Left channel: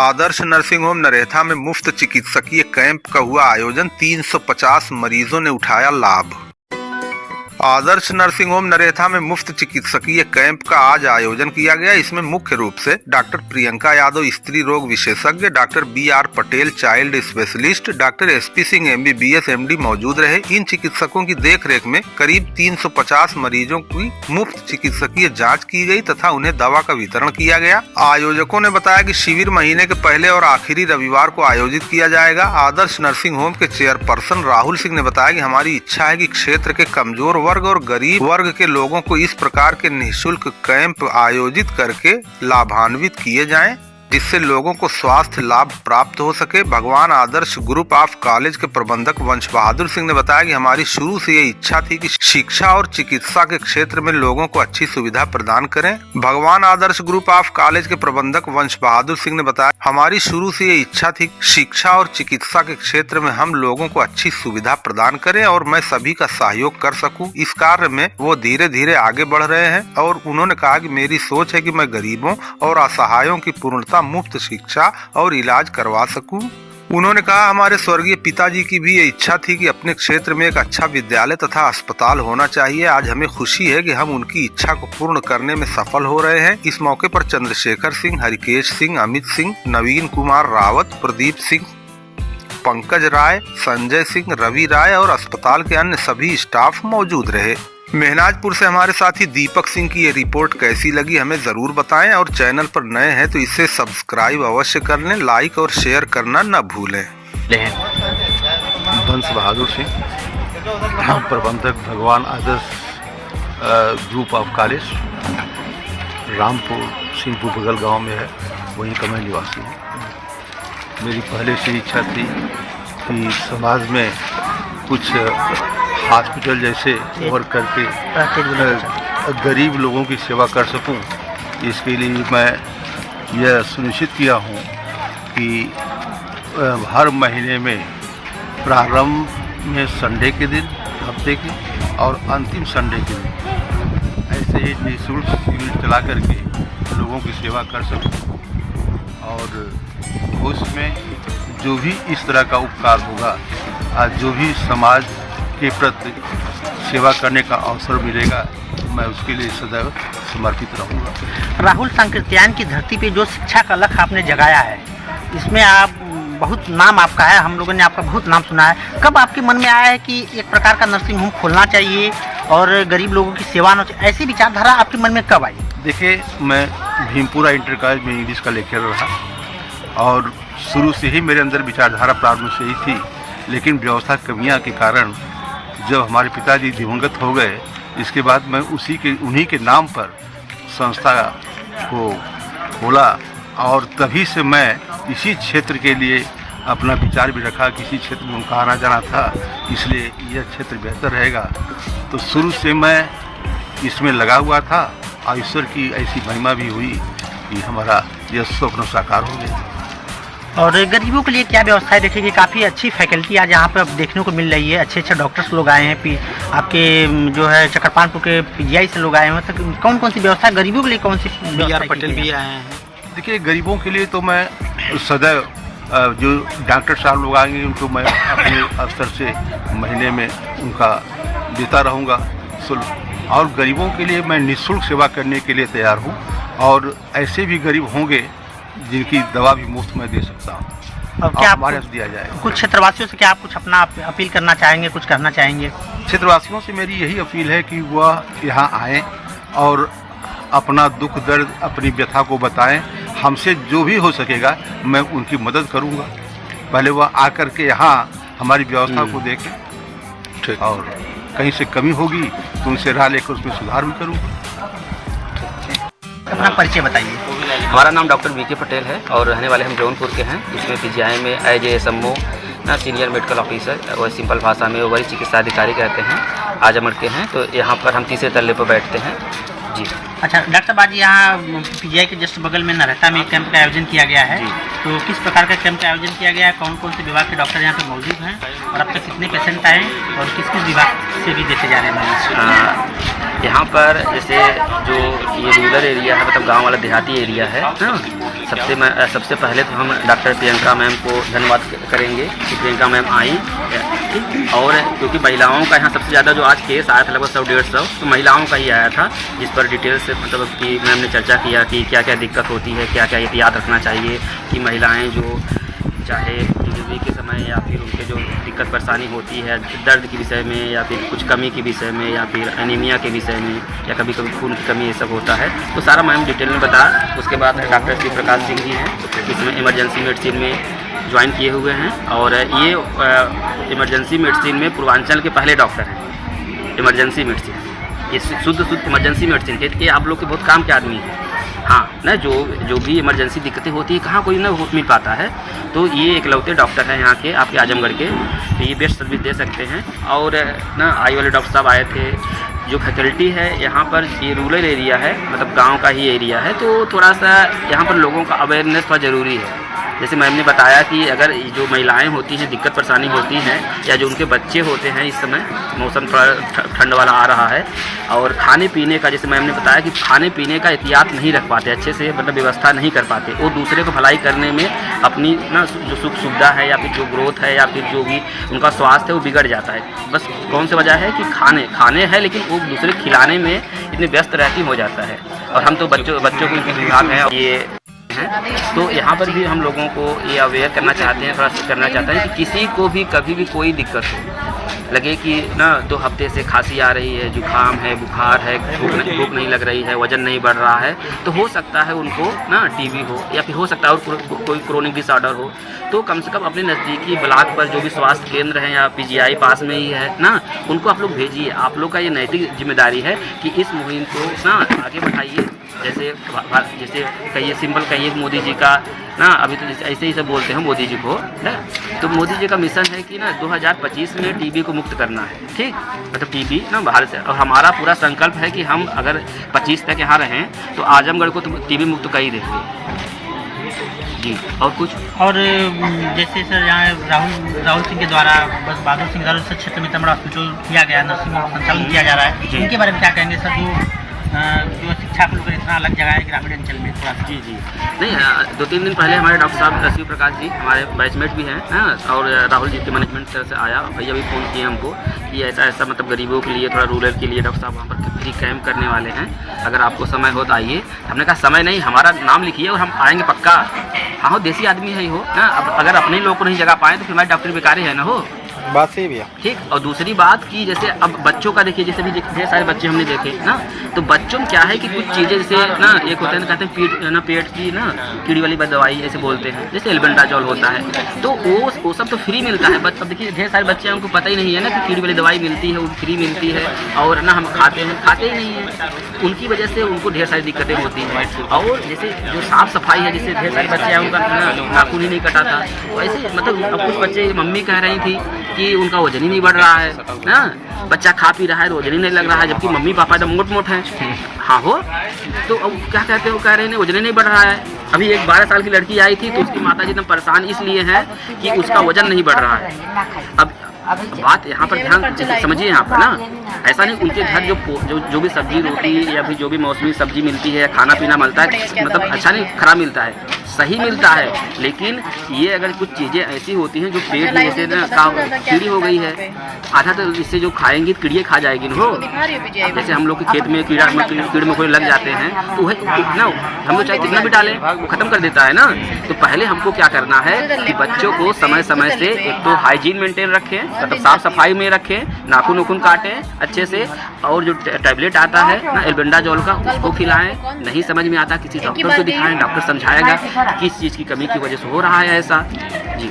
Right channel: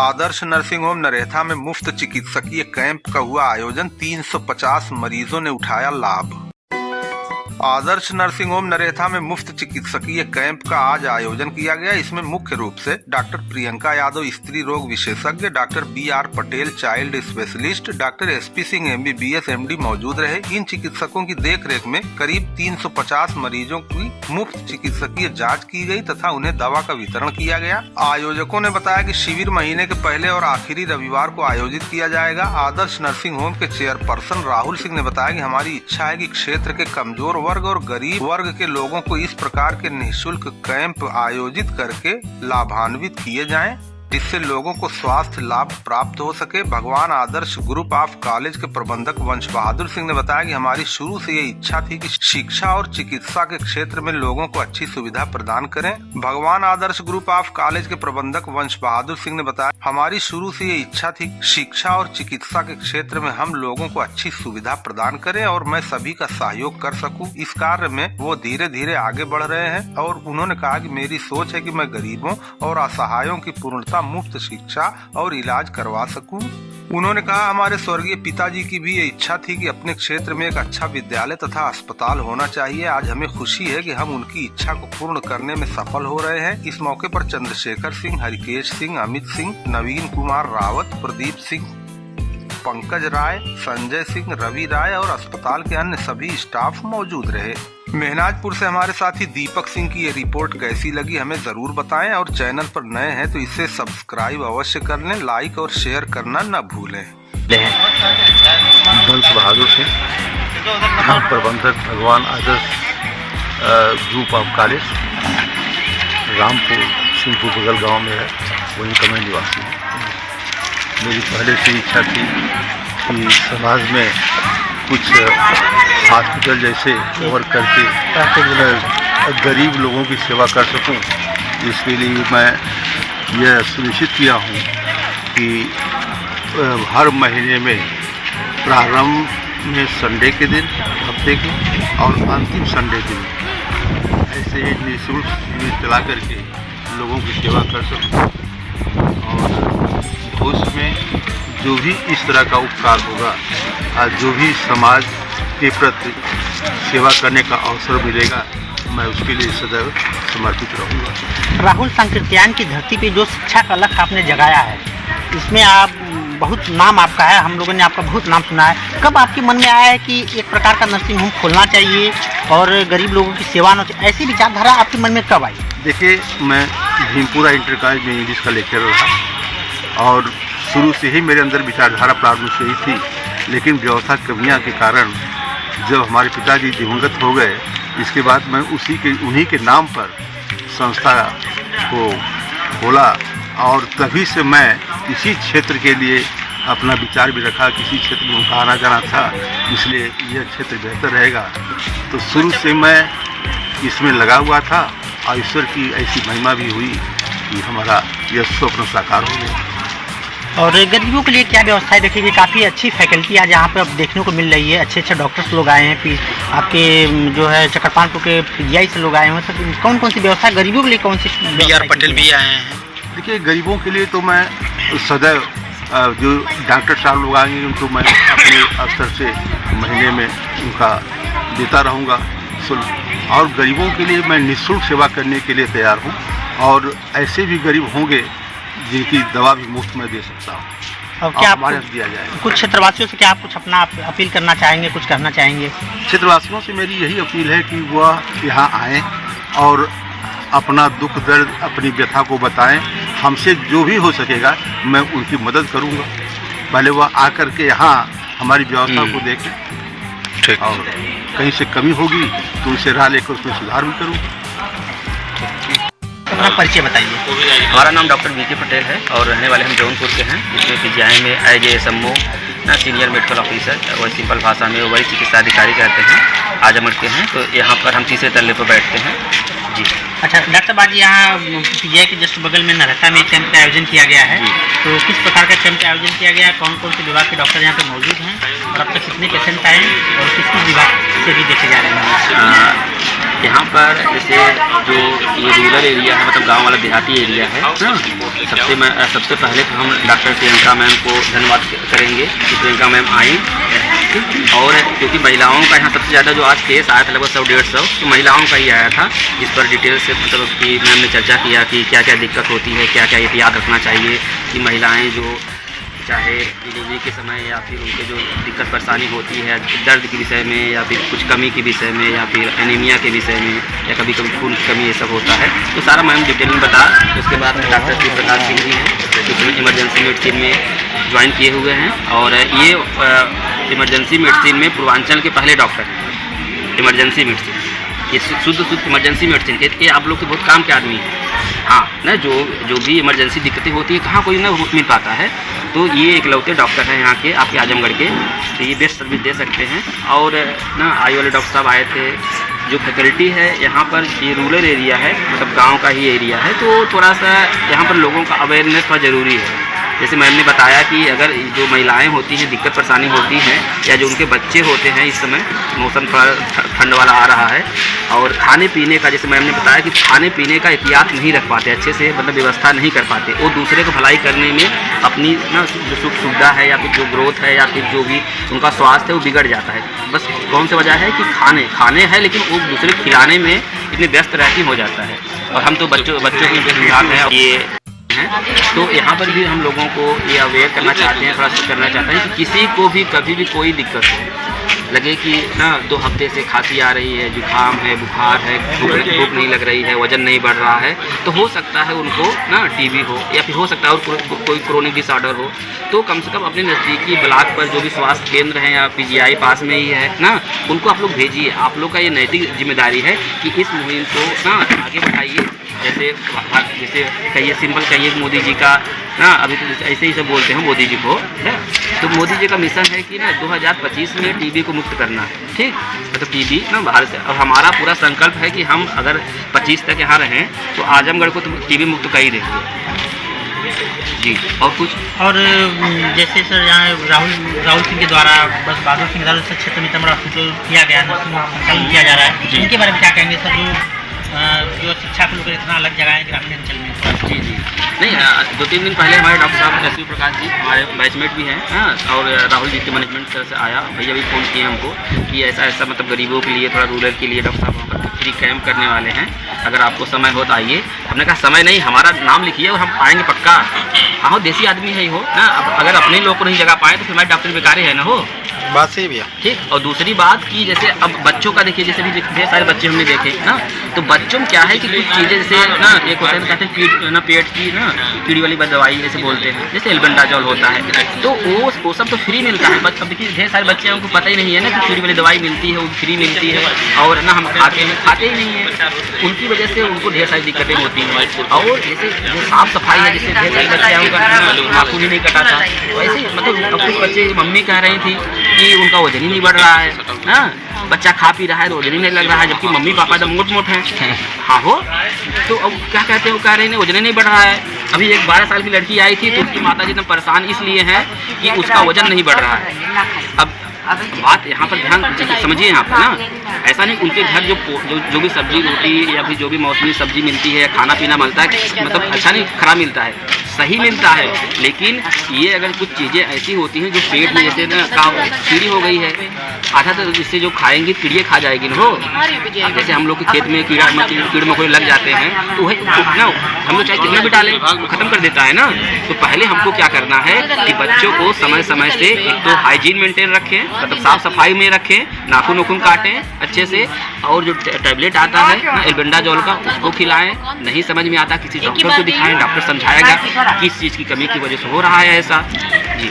आदर्श nursing home Naretha में मुफ्त चिकित्सकीय कैंप का हुआ आयोजन। 350 मरीजों ने उठाया लाभ। आदर्श नर्सिंग होम नरेथा में मुफ्त चिकित्सकीय कैंप का आज आयोजन किया गया। इसमें मुख्य रूप से डॉक्टर प्रियंका यादव स्त्री रोग विशेषज्ञ, doctor BR Patel child specialist, doctor SP Singh MBBS MD मौजूद रहे। इन चिकित्सकों की देखरेख में करीब 350 मरीजों की मुफ्त चिकित्सकीय जांच की गई तथा उन्हें दवा का वितरण किया गया। आयोजकों ने बताया कि शिविर महीने के पहले और आखिरी रविवार को आयोजित किया जाएगा। आदर्श नर्सिंग होम के चेयरपर्सन राहुल सिंह ने बताया कि हमारी इच्छा है कि क्षेत्र के कमजोर वर्ग और गरीब वर्ग के लोगों को इस प्रकार के निःशुल्क कैंप आयोजित करके लाभान्वित किए जाएं, जिससे लोगों को स्वास्थ्य लाभ प्राप्त हो सके। भगवान आदर्श ग्रुप ऑफ कॉलेज के प्रबंधक वंश बहादुर सिंह ने बताया कि हमारी शुरू से ये इच्छा थी कि शिक्षा और चिकित्सा के क्षेत्र में लोगों को अच्छी सुविधा प्रदान करें। भगवान आदर्श ग्रुप ऑफ कॉलेज के प्रबंधक वंश बहादुर सिंह ने बताया, हमारी शुरू से ये इच्छा थी शिक्षा और चिकित्सा के क्षेत्र में हम लोगों को अच्छी सुविधा प्रदान करें और मैं सभी का सहयोग कर सकूं। इस कार्य में वो धीरे धीरे आगे बढ़ रहे हैं और उन्होंने कहा कि मेरी सोच है कि मैं गरीबों और असहायों की पूर्णता मुफ्त शिक्षा और इलाज करवा सकूं। उन्होंने कहा, हमारे स्वर्गीय पिताजी की भी ये इच्छा थी कि अपने क्षेत्र में एक अच्छा विद्यालय तथा अस्पताल होना चाहिए। आज हमें खुशी है कि हम उनकी इच्छा को पूर्ण करने में सफल हो रहे हैं। इस मौके पर चंद्रशेखर सिंह, हरिकेश सिंह, अमित सिंह, नवीन कुमार रावत, प्रदीप सिंह, पंकज राय, संजय सिंह, रवि राय और अस्पताल के अन्य सभी स्टाफ मौजूद रहे। मेहनाजपुर से हमारे साथी दीपक सिंह की ये रिपोर्ट कैसी लगी हमें जरूर बताएं और चैनल पर नए हैं तो इसे सब्सक्राइब अवश्य कर लें, लाइक और शेयर करना न भूलें। वंश बहादुर सिंह, प्रबंधक Bhagwan Adarsh group of college, Rampur Singhpur बगल गांव में है, वहीं का मैं निवासी हूँ। मेरी पहले से इच्छा थी कि समाज में कुछ हॉस्पिटल जैसे वर्क करके गरीब लोगों की सेवा कर सकूं। इसके लिए मैं यह सुनिश्चित किया हूं कि हर महीने में प्रारंभ में संडे के दिन, हफ्ते की और अंतिम संडे के दिन ऐसे ही निःशुल्क शिविर चला करके लोगों की सेवा कर सकूं और उसमें जो भी इस तरह का उपकार होगा, जो भी समाज के प्रति सेवा करने का अवसर मिलेगा, मैं उसके लिए सदैव समर्पित रहूँगा। राहुल, संकीर्तन की धरती पे जो शिक्षा का लक्ष्य आपने जगाया है, इसमें आप बहुत नाम आपका है, हम लोगों ने आपका बहुत नाम सुना है। कब आपके मन में आया है कि एक प्रकार का नर्सिंग होम खोलना चाहिए और गरीब लोगों की सेवा होना चाहिए, ऐसी विचारधारा आपके मन में कब आई? देखिए, मैं भीमपुरा इंटर कॉलेज में इंग्लिश का लेक्चरर रहा और शुरू से ही मेरे अंदर विचारधारा प्रारंभ से ही थी, लेकिन व्यवस्था कमियाँ के कारण जब हमारे पिताजी दिवंगत हो गए, इसके बाद मैं उन्हीं के नाम पर संस्था को खोला और तभी से मैं इसी क्षेत्र के लिए अपना विचार भी रखा। किसी क्षेत्र में उनका आना जाना था, इसलिए यह क्षेत्र बेहतर रहेगा। तो शुरू से मैं इसमें लगा हुआ था और ईश्वर की ऐसी महिमा भी हुई कि हमारा यह स्वप्न साकार हो गया। और गरीबों के लिए क्या व्यवस्थाएं देखिए, काफ़ी अच्छी फैकल्टी आज यहाँ पे अब देखने को मिल रही है। अच्छे अच्छे डॉक्टर्स लोग आए हैं, आपके जो है चकरपानपुर के PGI से लोग आए हैं। तो कौन कौन सी व्यवस्था गरीबों के लिए, कौन सी? BR पटेल भी आए हैं। देखिए, गरीबों के लिए तो मैं सदैव जो डॉक्टर साहब लोग आएंगे उनको मैं अपने स्तर से महीने में उनका देता रहूँगा शुल्क, और गरीबों के लिए मैं निःशुल्क सेवा करने के लिए तैयार हूँ और ऐसे भी गरीब होंगे जिनकी दवा भी मुफ्त में दे सकता हूँ। अब क्या हमारे दिया जाएगा। कुछ क्षेत्रवासियों से क्या आप कुछ अपना अपील करना चाहेंगे, कुछ कहना चाहेंगे? क्षेत्रवासियों से मेरी यही अपील है कि वह यहाँ आएँ और अपना दुख दर्द, अपनी व्यथा को बताएं। हमसे जो भी हो सकेगा मैं उनकी मदद करूँगा। पहले वह आकर के यहाँ हमारी व्यवस्था को देखें, ठीक, और कहीं से कमी होगी तो उनसे राह लेकर उसमें सुधार भी करूँगा। अपना परिचय बताइए। हमारा नाम डॉक्टर VK पटेल है और रहने वाले हम जौनपुर के हैं। इसमें PGI में एज SMO ना सीनियर मेडिकल ऑफिसर, और सिंपल भाषा में वही चिकित्सा अधिकारी कहते हैं, आजमगढ़ के हैं। तो यहाँ पर हम तीसरे तल्ले पर बैठते हैं जी। अच्छा डॉक्टर साहब, आज यहाँ PGI के जस्ट बगल में नरेथा में कैंप का आयोजन किया गया है, तो किस प्रकार का कैंप का आयोजन किया गया है? कौन कौन से विभाग के डॉक्टर यहाँ पे मौजूद हैं और अब तक कितने पेशेंट आए और किस किस विभाग से भी देखे जा रहे हैं? यहाँ पर जैसे जो ये रूरल एरिया है, मतलब गांव वाला देहाती एरिया है ना, सबसे पहले तो हम डॉक्टर प्रियंका मैम को धन्यवाद करेंगे कि प्रियंका मैम आई। और क्योंकि महिलाओं का यहाँ सबसे ज़्यादा जो आज केस आया था लगभग 100-150 तो महिलाओं का ही आया था, जिस पर डिटेल से मतलब कि मैम ने चर्चा किया कि क्या क्या दिक्कत होती है, क्या क्या एहतियात रखना चाहिए कि महिलाएँ जो चाहे डिलीवरी के समय या फिर उनके जो दिक्कत परेशानी होती है दर्द के विषय में या फिर कुछ कमी के विषय में या फिर एनीमिया के विषय में या कभी कभी खून की कमी ये सब होता है, तो सारा मैम डिटेल में बता। उसके बाद डॉक्टर श्री प्रकाश सिंह जी हैं, इसमें इमरजेंसी मेडिसिन में ज्वाइन किए हुए हैं और ये इमरजेंसी मेडिसिन में पूर्वांचल के पहले डॉक्टर हैं। इमरजेंसी मेडिसिन ये शुद्ध इमरजेंसी मेडिसिन ये आप लोग के बहुत काम के आदमी हैं। हाँ ना, जो भी इमरजेंसी दिक्कतें होती है कहाँ कोई ना मिल पाता है, तो ये इकलौते डॉक्टर हैं यहाँ के आपके आजमगढ़ के, तो ये बेस्ट सर्विस दे सकते हैं। और ना आई वाले डॉक्टर साहब आए थे। जो फैकल्टी है यहाँ पर, ये रूरल एरिया है, मतलब गांव का ही एरिया है, तो थोड़ा सा यहाँ पर लोगों का अवेयरनेस थोड़ा ज़रूरी है। जैसे मैम ने बताया कि अगर जो महिलाएं होती हैं दिक्कत परेशानी होती हैं या जो उनके बच्चे होते हैं, इस समय मौसम थोड़ा ठंड वाला आ रहा है और खाने पीने का, जैसे मैम ने बताया कि खाने पीने का एहतियात नहीं रख पाते अच्छे से, मतलब व्यवस्था नहीं कर पाते, वो दूसरे को भलाई करने में अपनी ना जो सुख सुविधा है या फिर जो ग्रोथ है या फिर जो भी उनका स्वास्थ्य है वो बिगड़ जाता है। बस कौन सी वजह है कि खाने हैं लेकिन वो दूसरे को खिलाने में इतने व्यस्त रहती हो जाता है। और हम तो बच्चों के विभाग हैं ये हैं, तो यहाँ पर भी हम लोगों को ये अवेयर करना चाहते हैं, थोड़ा सा करना चाहते हैं कि किसी को भी कभी भी कोई दिक्कत हो, लगे कि ना 2 हफ्ते से खांसी आ रही है, जुकाम है, बुखार है, भूख नहीं लग रही है, वज़न नहीं बढ़ रहा है, तो हो सकता है उनको ना टीबी हो या फिर हो सकता है और कोई क्रोनिक डिसऑर्डर हो, तो कम से कम अपने नज़दीकी ब्लॉक पर जो भी स्वास्थ्य केंद्र हैं या पीजीआई पास में ही है ना, उनको आप लोग भेजिए। आप लोग का ये नैतिक जिम्मेदारी है कि इस मुहिम को ना आगे बढ़ाइए। जैसे कहिए सिंपल कहिए मोदी जी का ना, अभी तो ऐसे ही सब बोलते हैं मोदी जी को ना, तो मोदी जी का मिशन है कि ना 2025 में टीबी को मुक्त करना है, ठीक, मतलब टीबी ना भारत से। और हमारा पूरा संकल्प है कि हम अगर 25 तक यहाँ रहें तो आजमगढ़ को तो टीबी मुक्त कर ही देंगे जी। और कुछ और जैसे सर यहाँ राहुल सिंह के द्वारा बस बहादुर सिंह से क्षेत्र में इतना बड़ा हॉस्पिटल किया गया, नर्सिंग संचालन किया जा रहा है, इनके बारे में क्या कहेंगे सर? जो शिक्षा को लेकर इतना अलग जगह है ग्रामीण अंचल में थोड़ा। जी नहीं, 2-3 दिन पहले हमारे डॉक्टर साहब शिव प्रकाश जी हमारे बैचमेट भी हैं और राहुल जी के मैनेजमेंट तरफ से आया, भैया भी फ़ोन किए हमको कि ऐसा मतलब गरीबों के लिए थोड़ा रूरल के लिए डॉक्टर साहब वहाँ पर फ्री कैंप करने वाले हैं, अगर आपको समय हो तो आइए। हमने कहा समय नहीं, हमारा नाम लिखिए और हम आएँगे पक्का। हाँ, देसी आदमी है ही हो ना, अब अगर अपने लोग को नहीं जगह पाए तो फिर हमारे डॉक्टर बेकार है ना, हो बात सही भैया, ठीक। और दूसरी बात कि जैसे अब बच्चों का देखिए, जैसे भी ढेर सारे बच्चे हमने देखे ना, तो बच्चों में क्या है कि कुछ चीज़ें जैसे ना एक होता है कहते हैं पेट की ना कीड़ी वाली दवाई जैसे बोलते हैं, जैसे एल्बेंडाजोल होता है, तो वो सब तो फ्री मिलता है। अब देखिए ढेर सारे बच्चे उनको पता ही नहीं है ना कि कीड़ी वाली दवाई मिलती है, वो फ्री मिलती है और ना हम खाते ही नहीं हैं, उनकी वजह से उनको ढेर सारी दिक्कतें होती हैं। और जैसे जो साफ़ सफाई है, जैसे ढेर सारे बच्चे हैं उनका नाखून ही नहीं कटा था, तो ऐसे मतलब अब कुछ बच्चे मम्मी कह रही थी कि उनका वजन ही नहीं बढ़ रहा है ना, बच्चा खा पी रहा है तो वजन ही नहीं लग रहा है, जबकि मम्मी पापा एकदम मोट हैं। हाँ हो, तो अब क्या कहते हैं, वो कह रहे हैं वजन ही नहीं बढ़ रहा है। अभी एक 12 साल की लड़की आई थी तो उसकी माता जी एकदम परेशान इसलिए हैं कि उसका वजन नहीं बढ़ रहा है। अब बात यहाँ पर ध्यान समझिए, यहाँ पर ना ऐसा नहीं, उनके घर जो भी सब्जी रोटी या फिर जो भी मौसमी सब्जी मिलती है, खाना पीना मिलता है, मतलब अच्छा नहीं खराब मिलता है, सही मिलता है, लेकिन ये अगर कुछ चीज़ें ऐसी होती हैं जो पेट में जैसे ना कीड़ी हो गई है, आधा तो इससे जो खाएंगी कीड़ियाँ खा जाएगी ना, हो जैसे हम लोग के खेत में कीड़े मकोड़े लग जाते हैं तो वही ना हम लोग चाहे कितना भी डालें वो ख़त्म कर देता है ना। तो पहले हमको क्या करना है कि बच्चों को समय समय से एक तो हाइजीन मेंटेन रखें, मतलब साफ़ सफाई में रखें, नाखून काटें अच्छे से, और जो टैबलेट आता है ना एल्बेंडाजोल का उसको खिलाएं। नहीं समझ में आता किसी डॉक्टर को दिखाएं, डॉक्टर समझाएगा किस चीज़ की कमी की वजह से हो रहा है ऐसा। जी,